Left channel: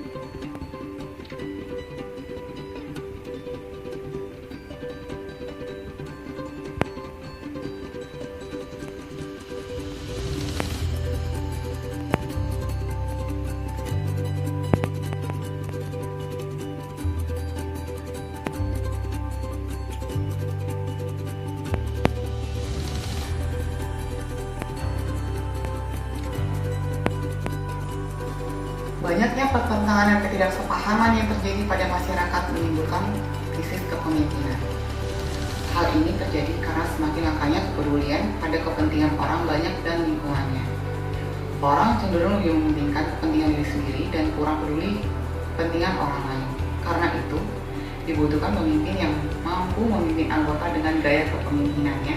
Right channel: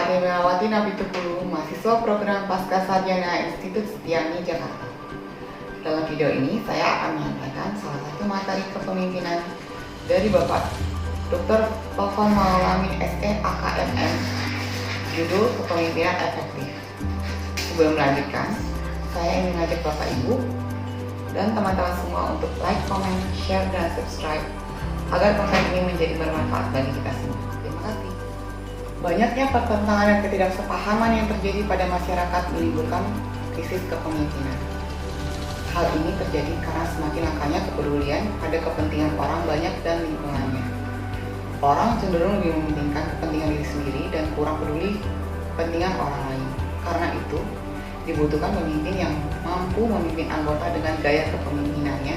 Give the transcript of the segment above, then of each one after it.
Ade Melawati Nabitupulu, mahasiswa program Pascasarjana Institut Setiani, Jakarta. Dalam video ini, saya akan menyampaikan salah satu materi kepemimpinan dari Bapak Dr. Tokoh Maulana SE AKMM, judul Kepemimpinan Efektif. Sebelum melanjutkan, saya ingin mengajak Bapak Ibu dan teman-teman semua untuk like, comment, share, dan subscribe agar konten ini menjadi bermanfaat bagi kita semua. Terima kasih. Banyaknya pertentangan dan ketidaksepahaman yang terjadi pada masyarakat menimbulkan krisis kepemimpinan. Hal ini terjadi karena semakin langkanya kepedulian pada kepentingan orang banyak dan lingkungannya. Orang cenderung lebih mementingkan kepentingan diri sendiri dan kurang peduli kepentingan orang lain. Karena itu, dibutuhkan pemimpin yang mampu memimpin anggota dengan gaya kepemimpinannya,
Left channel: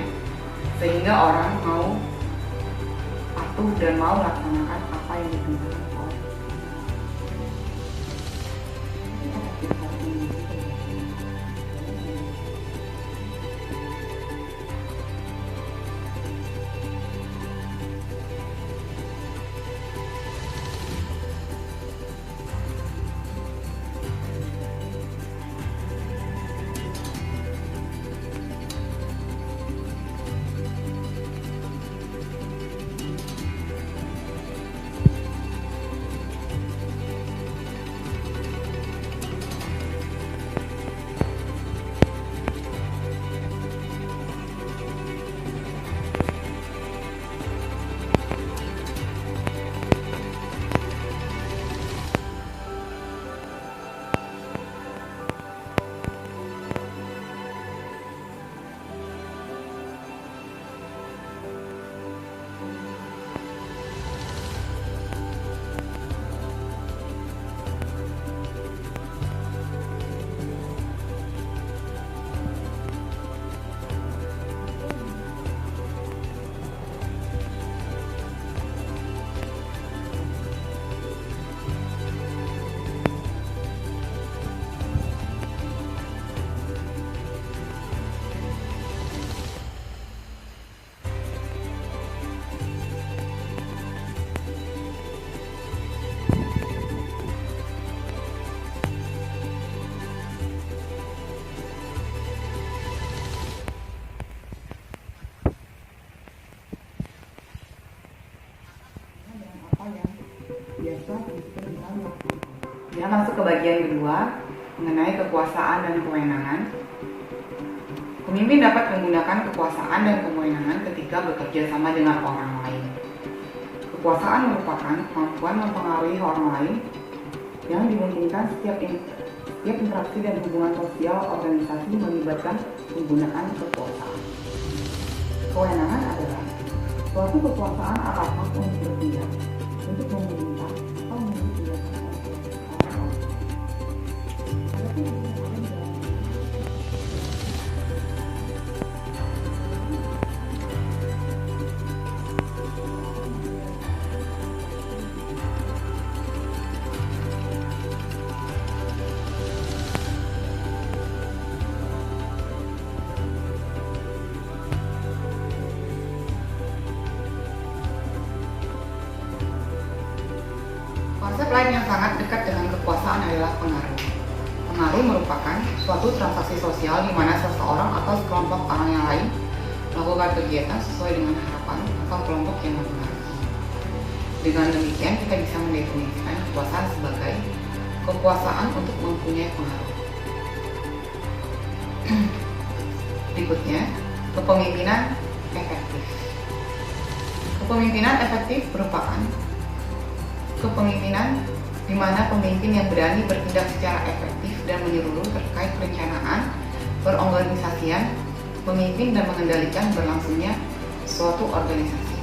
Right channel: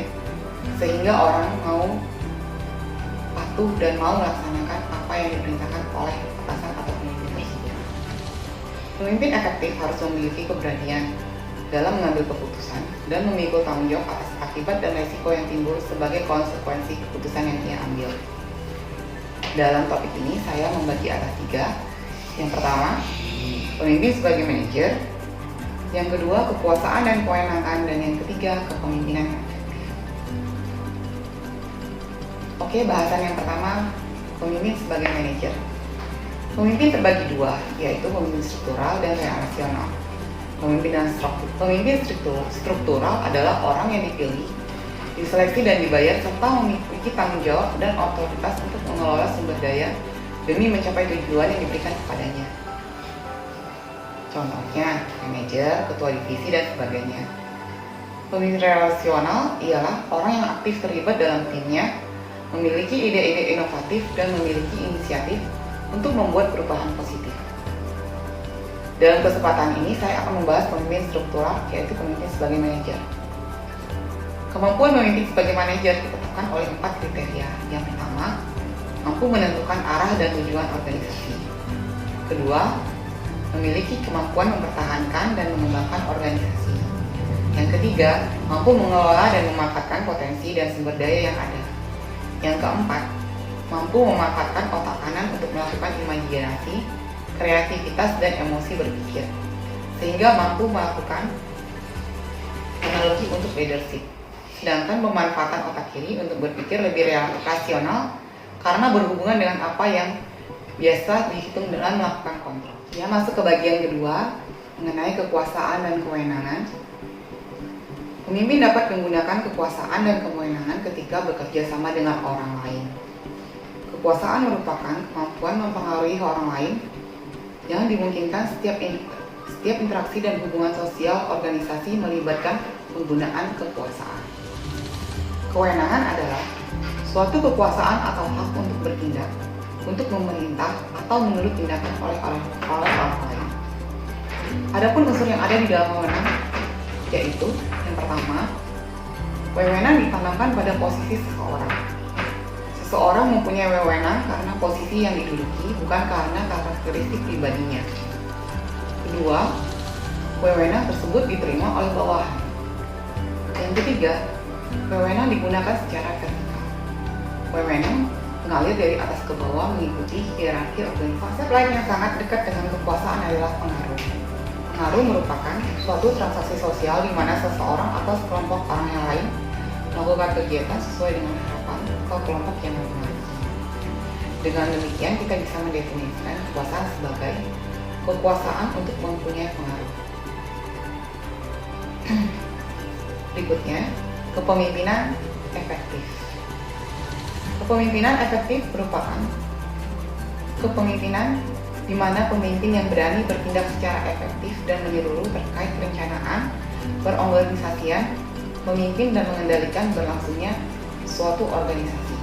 sehingga orang mau patuh dan mau melaksanakan apa yang diperintahkan oleh atasan atau pemimpin. Pemimpin efektif harus memiliki keberanian dalam mengambil keputusan dan memikul tanggung jawab atas akibat dan resiko yang timbul sebagai konsekuensi keputusan yang dia ambil. Dalam topik ini saya membagi atas 3. Yang pertama, pemimpin sebagai manajer. Yang kedua, kekuasaan dan kewenangan. Dan yang ketiga, kepemimpinan efektif. Oke, bahasan yang pertama, pemimpin sebagai manajer. Pemimpin terbagi 2, yaitu pemimpin struktural dan relasional. Pemimpin struktural adalah orang yang dipilih, diseleksi dan dibayar serta memiliki tanggung jawab dan otoritas untuk mengelola sumber daya demi mencapai tujuan yang diberikan kepadanya. Contohnya, manajer, ketua divisi, dan sebagainya. Pemimpin relasional ialah orang yang aktif terlibat dalam timnya, memiliki ide-ide inovatif, dan memiliki inisiatif untuk membuat perubahan positif. Dalam kesempatan ini, saya akan membahas pemimpin struktural, yaitu pemimpin sebagai manajer. Kemampuan memimpin sebagai manajer ditentukan oleh 4 kriteria. Yang pertama, mampu menentukan arah dan tujuan organisasi. Kedua, memiliki kemampuan mempertahankan dan mengembangkan organisasi. Yang ketiga, mampu mengelola dan memanfaatkan potensi dan sumber daya yang ada. Yang keempat, mampu memanfaatkan otak kanan untuk melakukan imajinasi, kreativitas, dan emosi berpikir, sehingga mampu melakukan analogi untuk leadership. Sedangkan pemanfaatan otak kiri untuk berpikir lebih rasional karena berhubungan dengan apa yang biasa dihitung dengan melakukan kontrol. Ya, masuk ke bagian kedua mengenai kekuasaan dan kewenangan. Pemimpin dapat menggunakan kekuasaan dan kewenangan ketika bekerja sama dengan orang lain. Kekuasaan merupakan kemampuan mempengaruhi orang lain yang dimungkinkan setiap interaksi dan hubungan sosial organisasi melibatkan penggunaan kekuasaan. Kewenangan adalah suatu kekuasaan atau hak untuk bertindak, untuk memerintah atau menurut tindakan oleh orang lain. Adapun unsur yang ada di dalam wewenang yaitu yang pertama, wewenang ditanamkan pada posisi seseorang. Seseorang mempunyai wewenang karena posisi yang diduduki, bukan karena karakteristik pribadinya. Kedua, wewenang tersebut diterima oleh bawahan. Yang ketiga, wewenang digunakan secara vertikal. Wewenang mengalir dari atas ke bawah mengikuti hierarki organisasi. Konsep lain yang sangat dekat dengan kekuasaan adalah pengaruh. Pengaruh merupakan suatu transaksi sosial di mana seseorang atau sekelompok orang yang lain melakukan kegiatan sesuai dengan harapan atau kelompok yang mempengaruhi. Dengan demikian, kita bisa mendefinisikan kekuasaan sebagai kekuasaan untuk mempunyai pengaruh. Berikutnya, kepemimpinan efektif. Kepemimpinan efektif merupakan kepemimpinan di mana pemimpin yang berani bertindak secara efektif dan menyeluruh terkait perencanaan, perorganisasian, memimpin dan mengendalikan berlangsungnya suatu organisasi.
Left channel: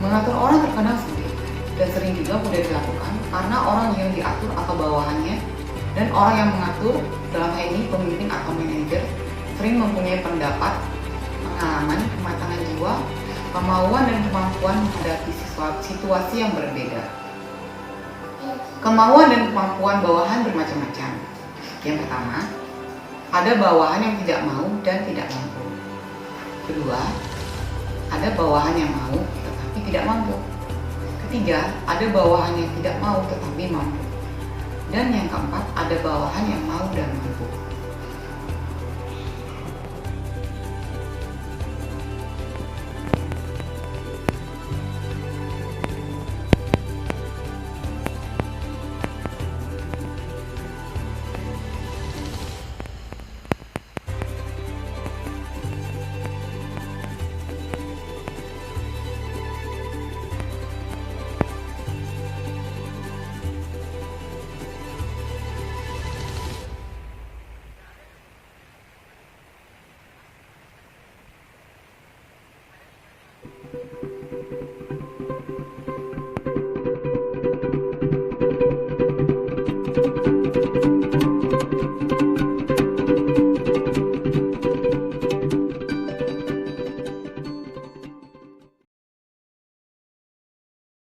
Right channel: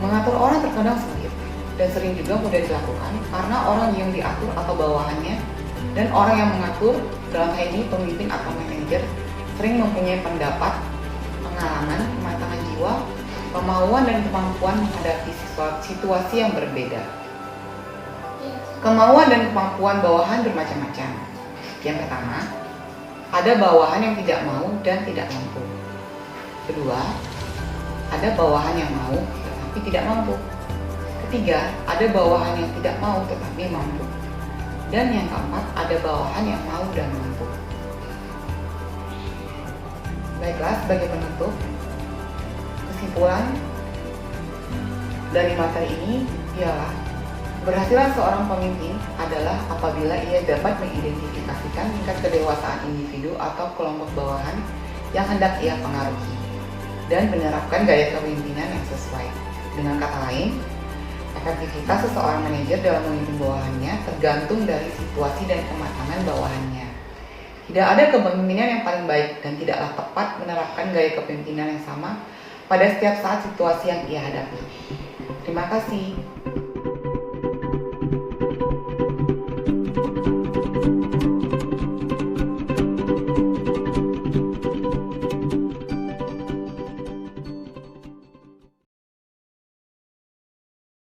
Mengatur orang terkadang sulit dan sering juga mudah dilakukan karena orang yang diatur atau bawahannya dan orang yang mengatur, dalam hal ini pemimpin atau manajer, sering mempunyai pendapat, pengalaman, kematangan jiwa, kemauan dan kemampuan menghadapi situasi yang berbeda. Kemauan dan kemampuan bawahan bermacam-macam. Yang pertama, ada bawahan yang tidak mau dan tidak mampu. Kedua, ada bawahan yang mau tetapi tidak mampu. Ketiga, ada bawahan yang tidak mau tetapi mampu. Dan yang keempat, ada bawahan yang mau dan mampu. Baiklah, sebagai penutup, kesimpulan dari materi ini ialah berhasilan seorang pemimpin adalah apabila ia dapat mengidentifikasikan tingkat kedewasaan individu atau kelompok bawahan yang hendak ia pengaruhi dan menerapkan gaya kepemimpinan yang sesuai. Dengan kata lain, efektivitas seseorang manajer dalam memimpin bawahannya tergantung dari situasi dan kematangan bawahannya. Tidak ada kepemimpinan yang paling baik dan tidaklah tepat menerapkan gaya kepemimpinan yang sama pada setiap saat situasi yang ia hadapi. Terima kasih.